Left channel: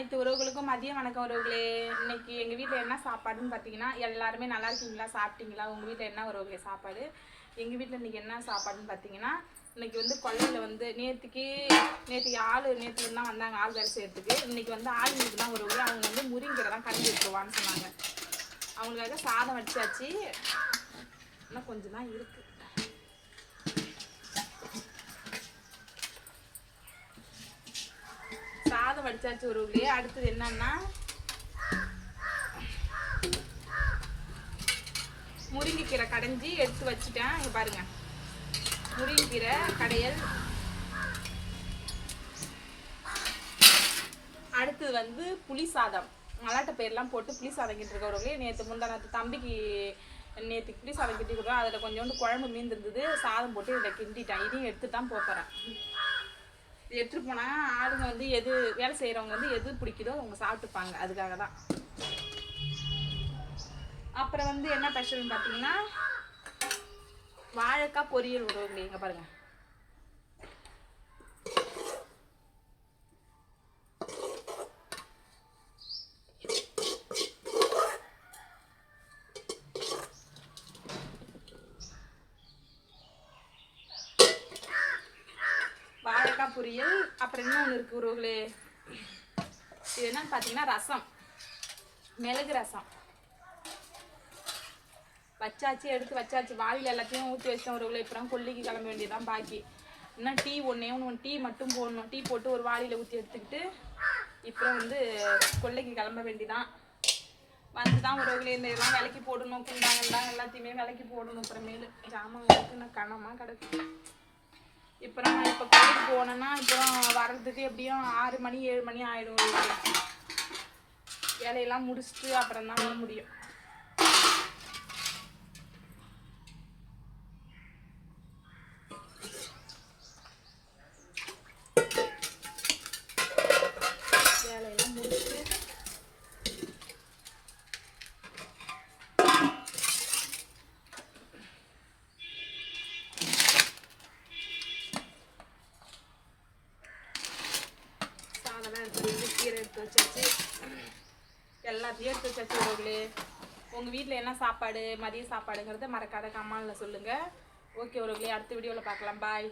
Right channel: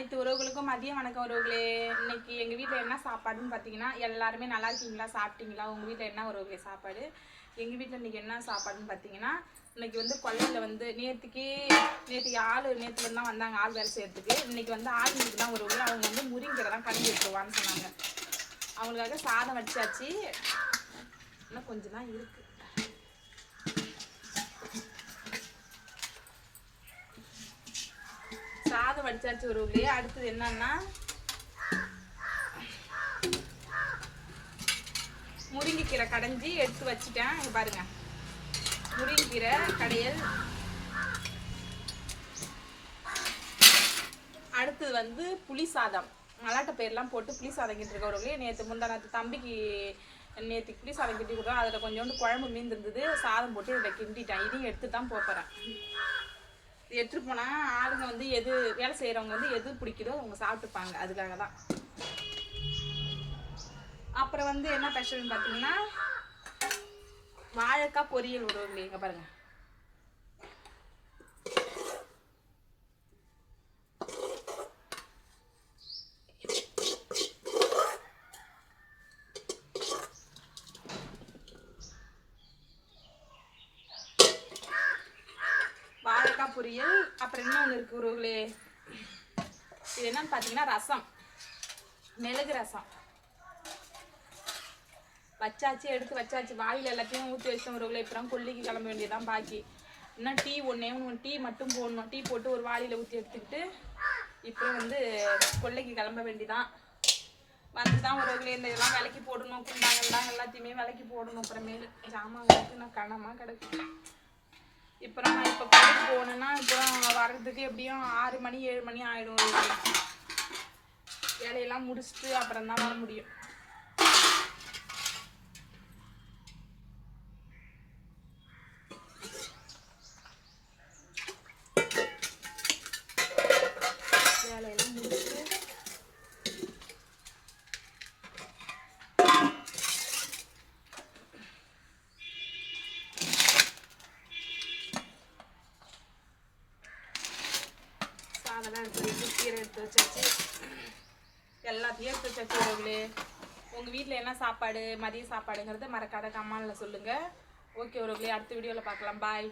அனைத்து உறவுகளுக்கும் மதிய வணக்கம் உறவுகளே. இன்னைக்கு எங்கள் வீட்டில் என்ன சாப்பாடுன்னு பார்த்தீங்கன்னா எல்லாருமே நல்லா இருக்கீங்களா? சாப்பிட்டீங்களா? உங்கள் வீட்டில் என்ன உறவுகளே? சாப்பாடு. எங்கள் வீட்டில் இன்னைக்கு என்ன சாப்பாடுன்னு பார்த்தீங்கன்னா இன்னைக்கு வந்து கொல்லையில் வந்து நேற்றுக்கு நேற்று ஆள் நேற்றுல தான் வந்தாங்க ஆள் வேலை செய்யறதுக்கு. இன்னைக்கு வந்து ஆள் இன்னைக்கு தான் உறவுகளே. அவங்க வந்து முருங்கீரை தான் கண்டு விட்டுருவான்னு சொன்னாங்க. அவங்களுக்காக சாதம் வச்சாச்சு. இன்னும் கொஞ்சம் தான் இருக்குது சாதம் ஒரு உறவுகளே அடுத்தது என்னன்னா முருங்கைக்கீரை கடைஞ்சி எடுத்து வச்சுட்டேன். இங்க பாருங்க. முருங்கைக்கீரை கடையல். அடுத்தது வந்து புளி சாதம். மலாட்ட பேர்லாம் போட்டு புளி சாதம் கிட்டிருக்க உறவுகளே. நேற்று முந்தானத்து தம்பிக்கு நேற்று புளி சாதம் கிட்டி கொடுத்தோம் அதில் கொஞ்சோண்டு குழம்பு மீந்திருந்தது. சாதம் போட்டு இதை கிண்டிட்டேன். இதையும் எடுத்து தான் போகிறேன் எட்டு போனா ஆளுங்க வந்து எது வேலை செய்யறவங்க வந்து எது பிடிக்குதோ அவங்க சாப்பிட்டுப்பாங்க. அதுக்காக தான். அப்புறம் வந்து என்ன ஸ்பெஷல்னு பார்த்தீங்கன்னா வாழைக்காய் பொரியல் உறவுங்களே இங்க பாருங்க. வாழைக்காய் பொரியல் அப்புறம் இன்னொன்று இருக்கு உறவுகளே இது என்னன்னு பார்த்தீங்கன்னா ரசம். மிளகு ரசம். வச்சாச்சு எடுத்து வச்சாச்சு. வாயில் எல்லாத்தையும் ஊற்றி வச்சிட்டோம் உறவுகளே இப்போ கொல்லிக்கு கிளம்ப வேண்டியதான் பாக்கி. இன்னும் டீ ஒன்றே ஒன்று டீ மட்டும் போடணும். டீ போட்டு ஒரு வாளியில் ஊற்றி எடுத்துக்கிட்டு இப்போ வந்து கொல்லைக்கு கிளம்ப வேண்டிதான் வந்து தான் உறவுகளே இந்த இதெல்லாம் விலைக்கு போடணும். குண்டாங்கெல்லாம் எல்லாத்தையுமே விலைக்கு போடணும். அப்புறமேலு ஜாமான் நான் கனமாக கிடக்கு. இப்போ நான் இப்போ கோயிலுக்கு போனோன்னா இப்போ வர்றதுக்கு எப்படியும் ஆறு மணி ஏழு மணி ஆயிடும் வேலையெல்லாம் முடிச்சுட்டு அப்புறம் தான் வர முடியும். அதெல்லாம் எடுத்து வச்சு கீரை எடுத்து வச்சாச்சு. எல்லாத்தையும் எடுத்து வச்சாச்சு உறவுகளே உங்கள் வீட்டில் என்ன சாப்பாடு மதிய சாப்பாடுங்கிறத மறக்காத கமாலில் சொல்லுங்கள் ஓகே உறவுகளே அடுத்த வீடியோவில் பார்க்கலாம். பாய்